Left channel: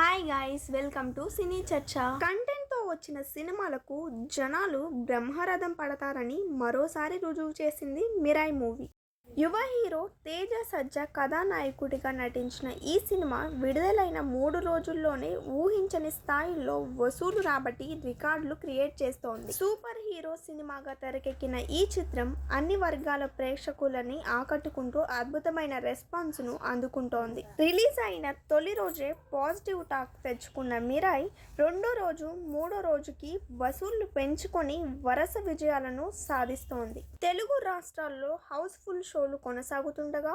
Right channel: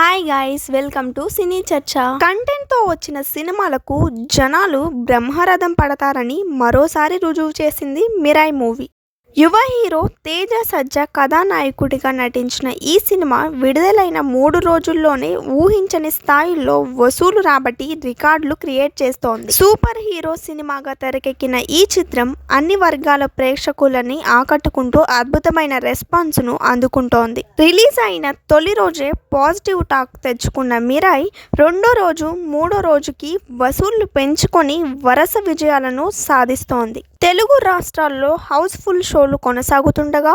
Hi guys, welcome to సినీ చర్చ. కంటెంట్తో వచ్చిన సినిమాలకు జనాలు బ్రహ్మరథం పడతారని మరోసారి రుజువు చేసింది మిరాయి మూవీ. యువ హీరో తేజ సజ్జా కథానాయకుడిగా నటించిన ఈ సినిమా విడుదలైన 3 రోజుల్లోనే ఊహించని స్థాయిలో వసూలు రాబట్టి రికార్డులు క్రియేట్ చేస్తోంది. సూపర్ హీరో సినిమాగా తెరకెక్కిన ఈ చిత్రం అన్ని వర్గాల ప్రేక్షకులని ఆకట్టుకుంటూ అద్భుతమైన రెస్పాన్స్ను అందుకుంటోంది. రిలీజ్ అయిన తొలి రోజే పాజిటివ్ టాక్ తెచ్చుకున్న మిరాయి రెండో రోజు, మూడో రోజుకి వసూళ్లు పెంచుకొని వరుస విజయాలను సాధిస్తోంది. తెలుగు రాష్ట్రాల్లో హౌస్ఫుల్ షోలు కొనసాగుతుండగా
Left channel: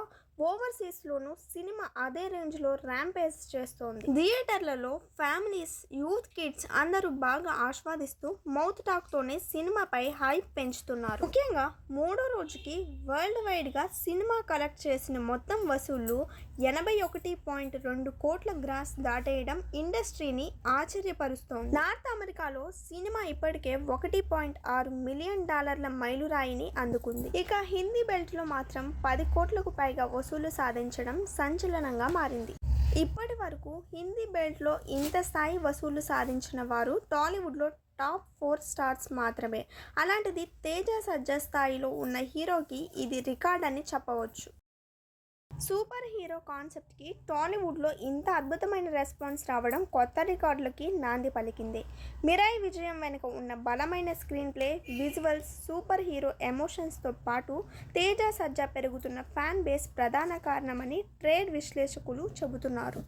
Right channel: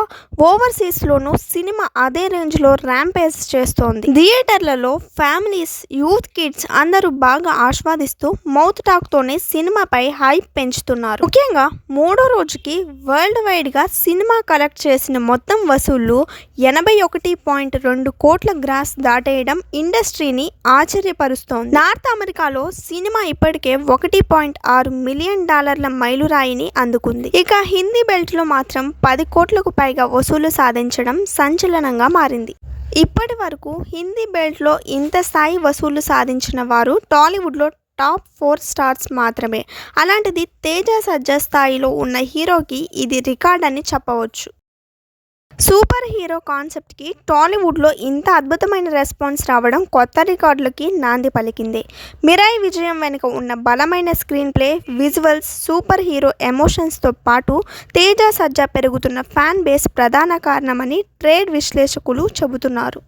ఓవర్సీస్లోనూ సినిమా అదే రేంజ్లో ర్యాంపేజ్ చేస్తోంది. థియేటర్లలో ఫ్యామిలీస్, యూత్, కిడ్స్ అందరూ బాగా ఆస్వాదిస్తూ మౌత్ టాక్తోనే సినిమాపై హైప్ పెంచుతున్నారు. ముఖ్యంగా మూడో రోజుకి వరల్డ్ వైడ్గా సినిమా కలెక్ట్ చేసిన మొత్తం వసూళ్లు 81.2 కోట్ల గ్రాస్ దాటేయడం ఇండస్ట్రీని ఆశ్చర్యపరుస్తోంది. నార్త్ అమెరికాలో సినిమా ఇప్పటికే $1.6 మిలియన్ మైలురాయిని అందుకుంది. ఇక హిందీ బెల్ట్లో మాత్రం 10 కోట్లకు పైగా వసూలు సాధించడం సంచలనంగా మారింది. ఇప్పటి వరకు హిందీ బెల్ట్లో ఇంత స్థాయి వసూలు సాధించిన వారు టాలీవుడ్లో టాప్ 4 స్టార్స్ మాత్రమే. అలాంటిది తేజ సజ్జా స్థాయిలో ఉన్న హీరోకి ఇది రికార్డ్ అని చెప్పవచ్చు. సూపర్ హీరో కాన్సెప్ట్కి టాలీవుడ్లో ఇంత అద్భుతమైన రెస్పాన్స్ రావడం కొత్త రికార్డులకి నాంది పలికింది. మిరాయి విజయం వెనుక ఉన్న బలమైన screenplay, visuals, superhero ఎమోషన్స్తో పాటు తేజ సజ్జా పెరుగుతున్న ఫ్యాన్ బేస్ ప్రధాన కారణమని ట్రేడ్ విశ్లేషకులు చెబుతున్నారు.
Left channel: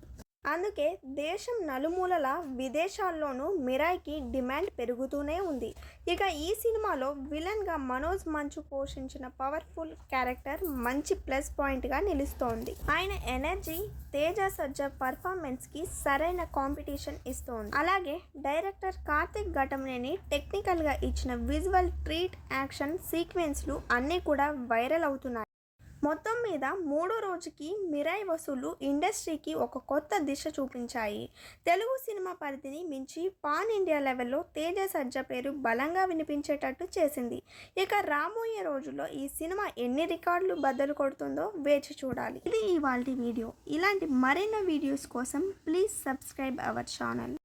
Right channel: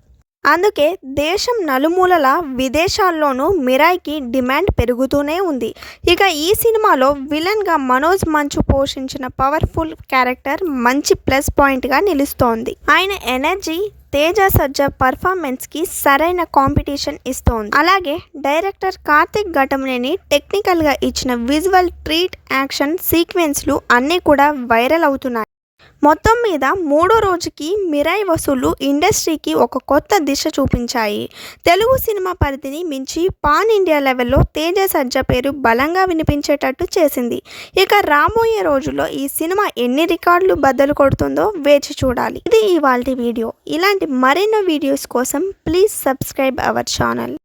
అందుకే దేశం నలుమూలల, విదేశాల్లోనూ మిరాయికి డిమాండ్ పెరుగుతూనే ఉంది. ఇక ఈ సినిమాలో విలన్గా మనోజ్ మంచు పోషించిన పవర్ఫుల్ క్యారెక్టర్ మంచి ప్లస్ పాయింట్గా నిలుస్తోంది. ఆయన ఎనర్జీ తేజ సజ్జా పర్ఫార్మెన్స్కి సరైన కాంపిటీషన్ ఇస్తోంది. అలాగే డైరెక్టర్ కార్తిక్ ఘటమనేని టెక్నికల్గా ఇచ్చిన విజువల్ ట్రీట్, యాక్షన్ సీక్వెన్స్లు అన్నీ కూడా వైరల్ అవుతున్నాయి. మొత్తం మీద మూడో రోజుకి మిరాయి వసూళ్లు ఇండస్ట్రీకి ఒక కొత్త దిశ చూపించాయి. తెలుగు సినిమా పరిధిని మించి పాన్ ఇండియా లెవెల్లో తేజ సజ్జా పేరు బలంగా వినిపించేటట్టు చేసింది. ఇక రాబోయే రోజుల్లో ఈ సినిమా ఎన్ని రికార్డులు బద్దలు కొడుతుందో వేచి చూడాలి. ఇది ఇవాల్టి వీడియో. ఇలాంటి మరెన్నో వీడియోస్ కోసం ప్లీజ్ సబ్స్క్రైబ్ అవర్ ఛానల్.